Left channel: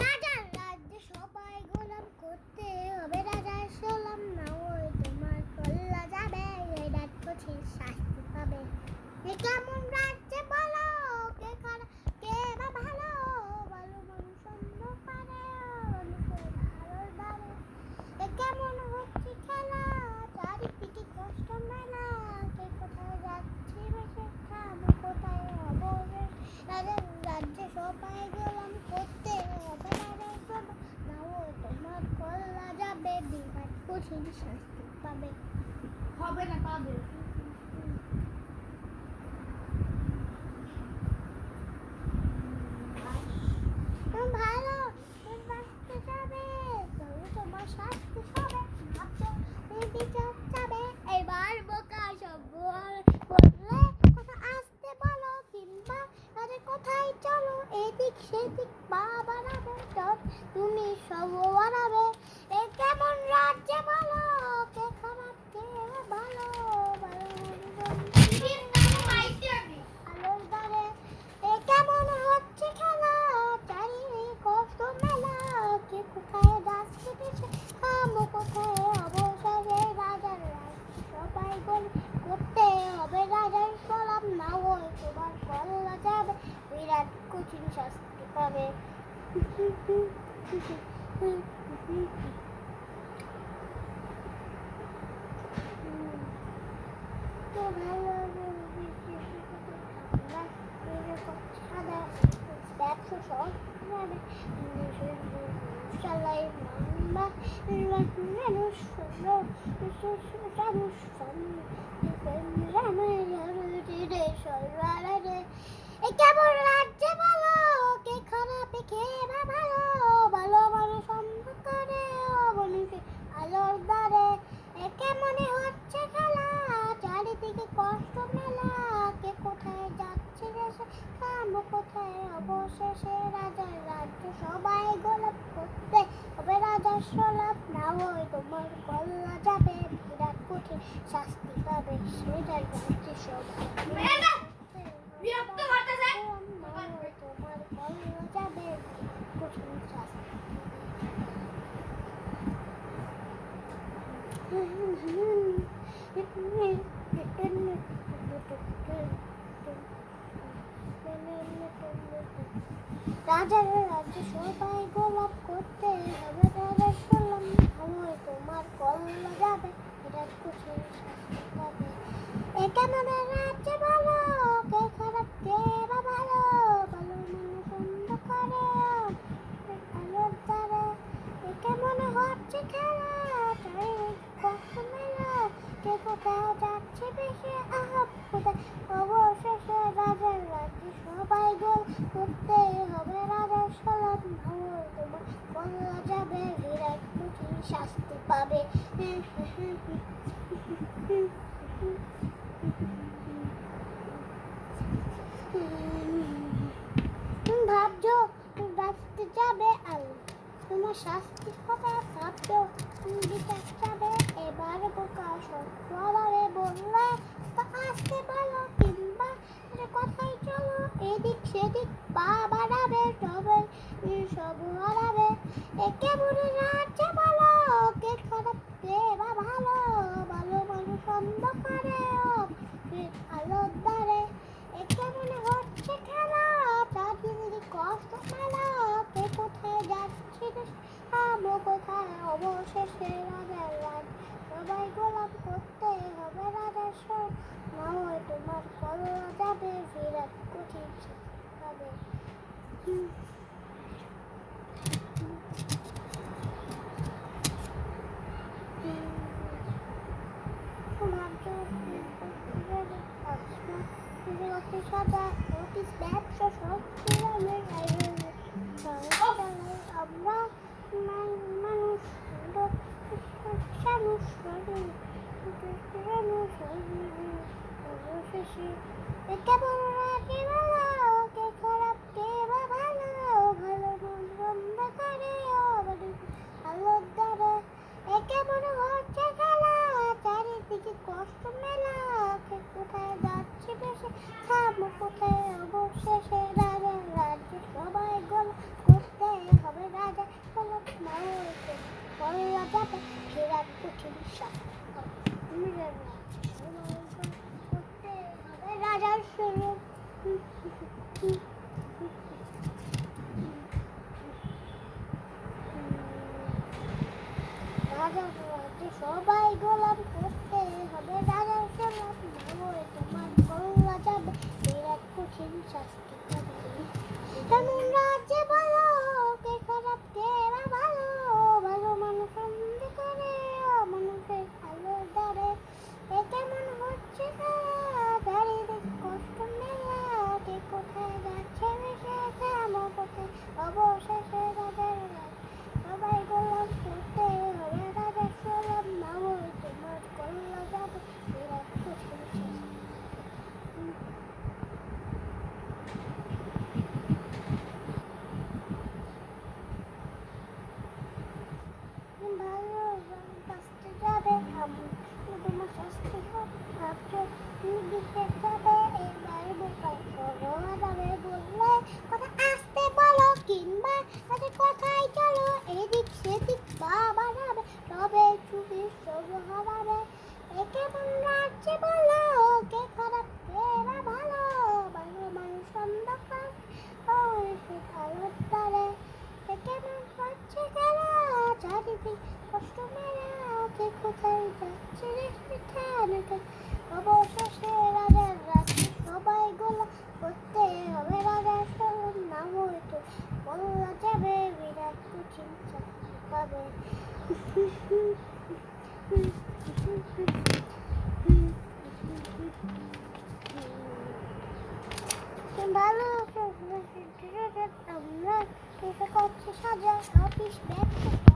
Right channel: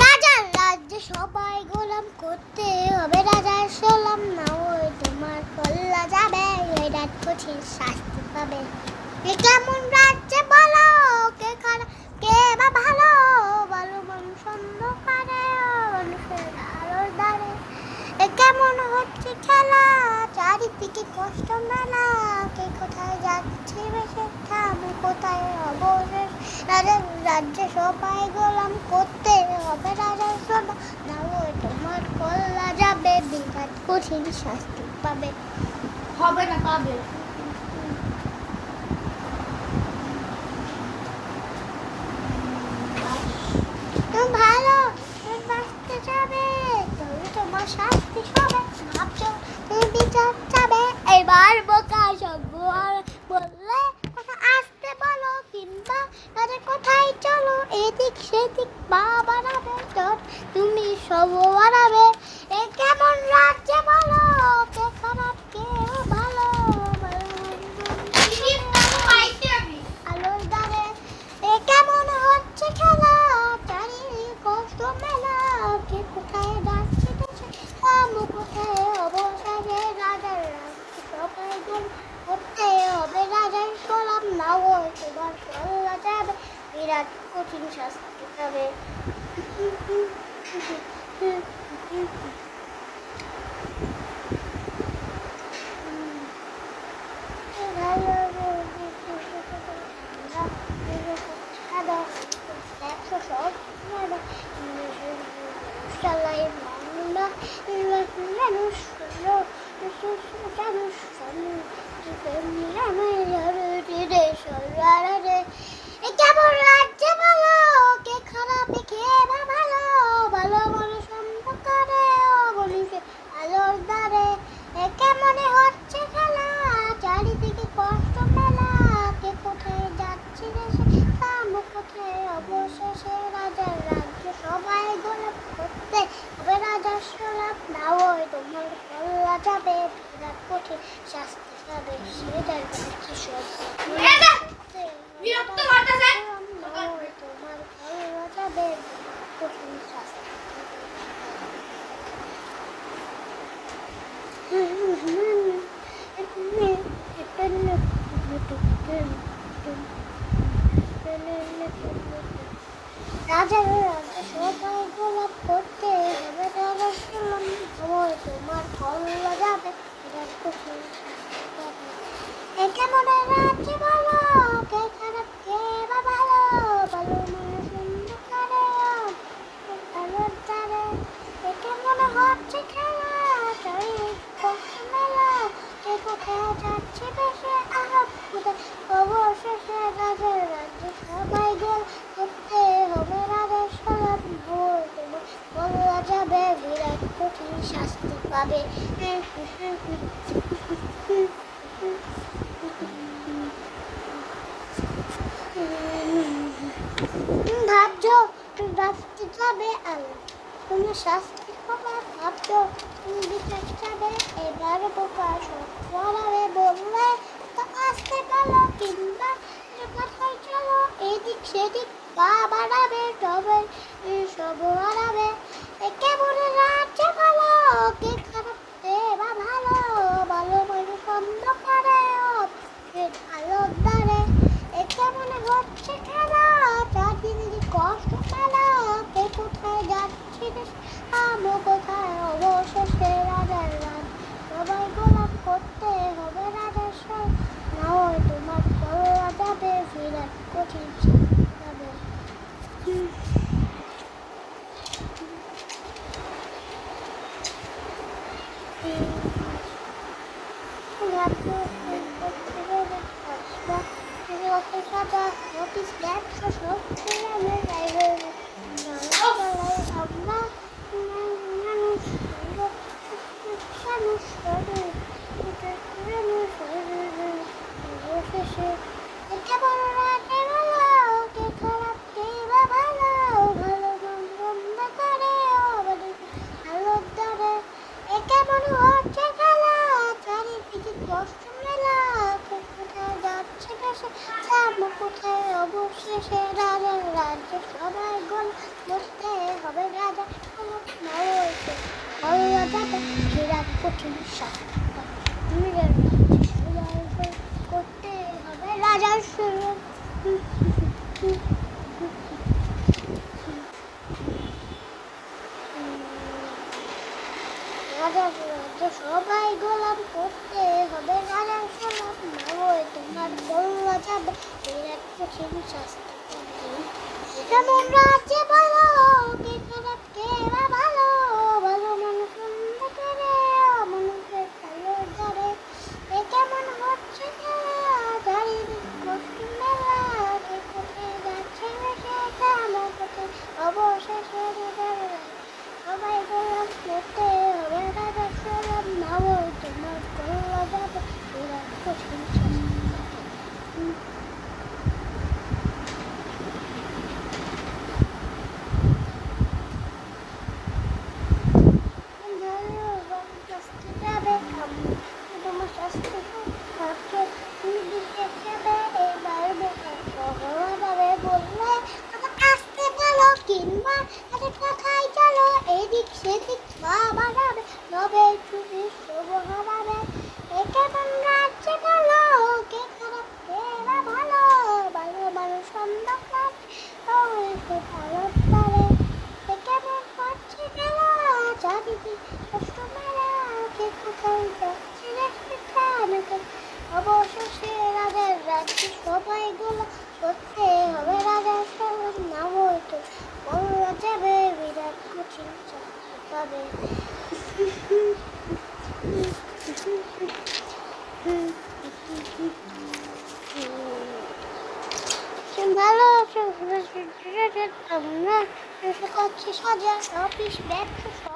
রাজার রাজ্যে সবাই গোলাম করতে হবে, রাজার সালাম না ওই তোমার কল্লা যাবে, এই রাত কঠিন শাস্তি পাবে। কেমন রাজ্যে বলো, কে খারাপ কে বা ভালো, ভালো মানুষ অন্ধকারে মানুষের আলোর দ্বারে। কেমন হচ্ছে খেলা, চারিদিকে কষ্ট মেলা, কে কোথায় যাচ্ছে বেশে থামো কোথায় অবশেষ। রাজার রাজ্যে সবাই গোলাম করতে হবে, রাজার সালাম না ওই তোমার কল্লা যাবে, বিরাট কঠিন শাস্তি পাবে। হবে না, পাবে। ভালো বাঁচতে যাবে, তবে তোমার শাস্তি হবে। ভাবছো তুমি বিচার চাবে, এবার বোকা সব বললে কথা আসতে বলো, কিংবা তাদের কোথায় চলো, এদিক সেদিক পা বাড়াবে, তোর তুমি সব বাড়াবে। এ কেমন রাজ্যে বলো, কে খারাপ কে ভালো, আলোর দ্বারে। এ কেমন হচ্ছে খেলা, চারিদিকে কষ্ট মেলা, কে কোথায় যাচ্ছে দেশে থামো কোথায় অবশেষে। রাজার রাজ্যে সবাই গোল করতে হবে, রাজার সালাম না ওই তোমার কল্লা যাবে, বিরাট কঠিন শাস্তি পাবে। কেমন রাজ্যে বলো, কে খারাপ কে বা ভালো, ভালো মানুষ অন্ধকারে মানুষের আলোর দ্বারে। কেমনে হচ্ছে খেলা, চারিদিকে কষ্ট মেলা, কে কোথায় যাচ্ছে দেশে থামো কোথায় অবশেষে। রাজার রাজ্য সবাই গোলাপ করতে হবে, রাজার সালাম না ওই তোমার কল্লা যাবে, বিরাট কঠিন শাস্তি পাবে। সেটার কি সব বিরক্ত করতেছে। তোমার কল্লা যাবে, কঠিন শাস্তি। রাজার রাজ্যে সবাই গোলাপ করতে হবে, রাজার সালাম আমার তোমার কল্লা যাবে, বিরাট কঠিন শাস্তি পাবে। এ কেমন রাজ্যে বলো, কে খারাপ কে বা ভালো, ভালো মানুষ অন্ধকারে আলোর দ্বারে। এ কেমন হচ্ছে খেলা, চারিদিকে কষ্ট মেলা, কে কোথায় যাচ্ছে বেশে আহাব কোথায় অবশেষে। রাজার রাজ্যে সবাই গোল করতে হবে, রাজার সালাম ভোর তোমার কল্লা যাবে, বিরাট কঠিন শাস্তি পাবে। ভাবছো বাঁচতে যাবে আলো, তোমার শাস্তি পাবে, ভাবছো তুমি বিচার যাবে, এবার বোকা সব বাড়াবে, বললে তো আসতে বলো, কিংবা কোথায় চলো, এদিক সেদিক পা বাড়াবে, তবে সব বাড়াবে। কেমন রাজ্যে বলো, কে খারাপ কে বা ভালো, ভালো মানুষ অন্ধকারে আলোর দ্বারে। কেমন হচ্ছে খেলা, চারদিকে কষ্ট মেলা, কে কোথায় যাচ্ছে থামো কোথায় অবশেষে। রাজার রাজ সবাই গোলাম করতে হবে, রাজার সালাম না হয় তোমার কল্লা যাবে, বিরাট কঠিন শাস্তি পাবে। কেমন রাজে বলো, কে খারাপ কে বা ভালো, ভালো মন্দ অন্ধকারে আলোর দ্বারে। কেমন হচ্ছে খেলা, চারিদিকে কষ্ট মেলা, কে কোথায় যাচ্ছে করছি সাজা অফিস ব্যবসা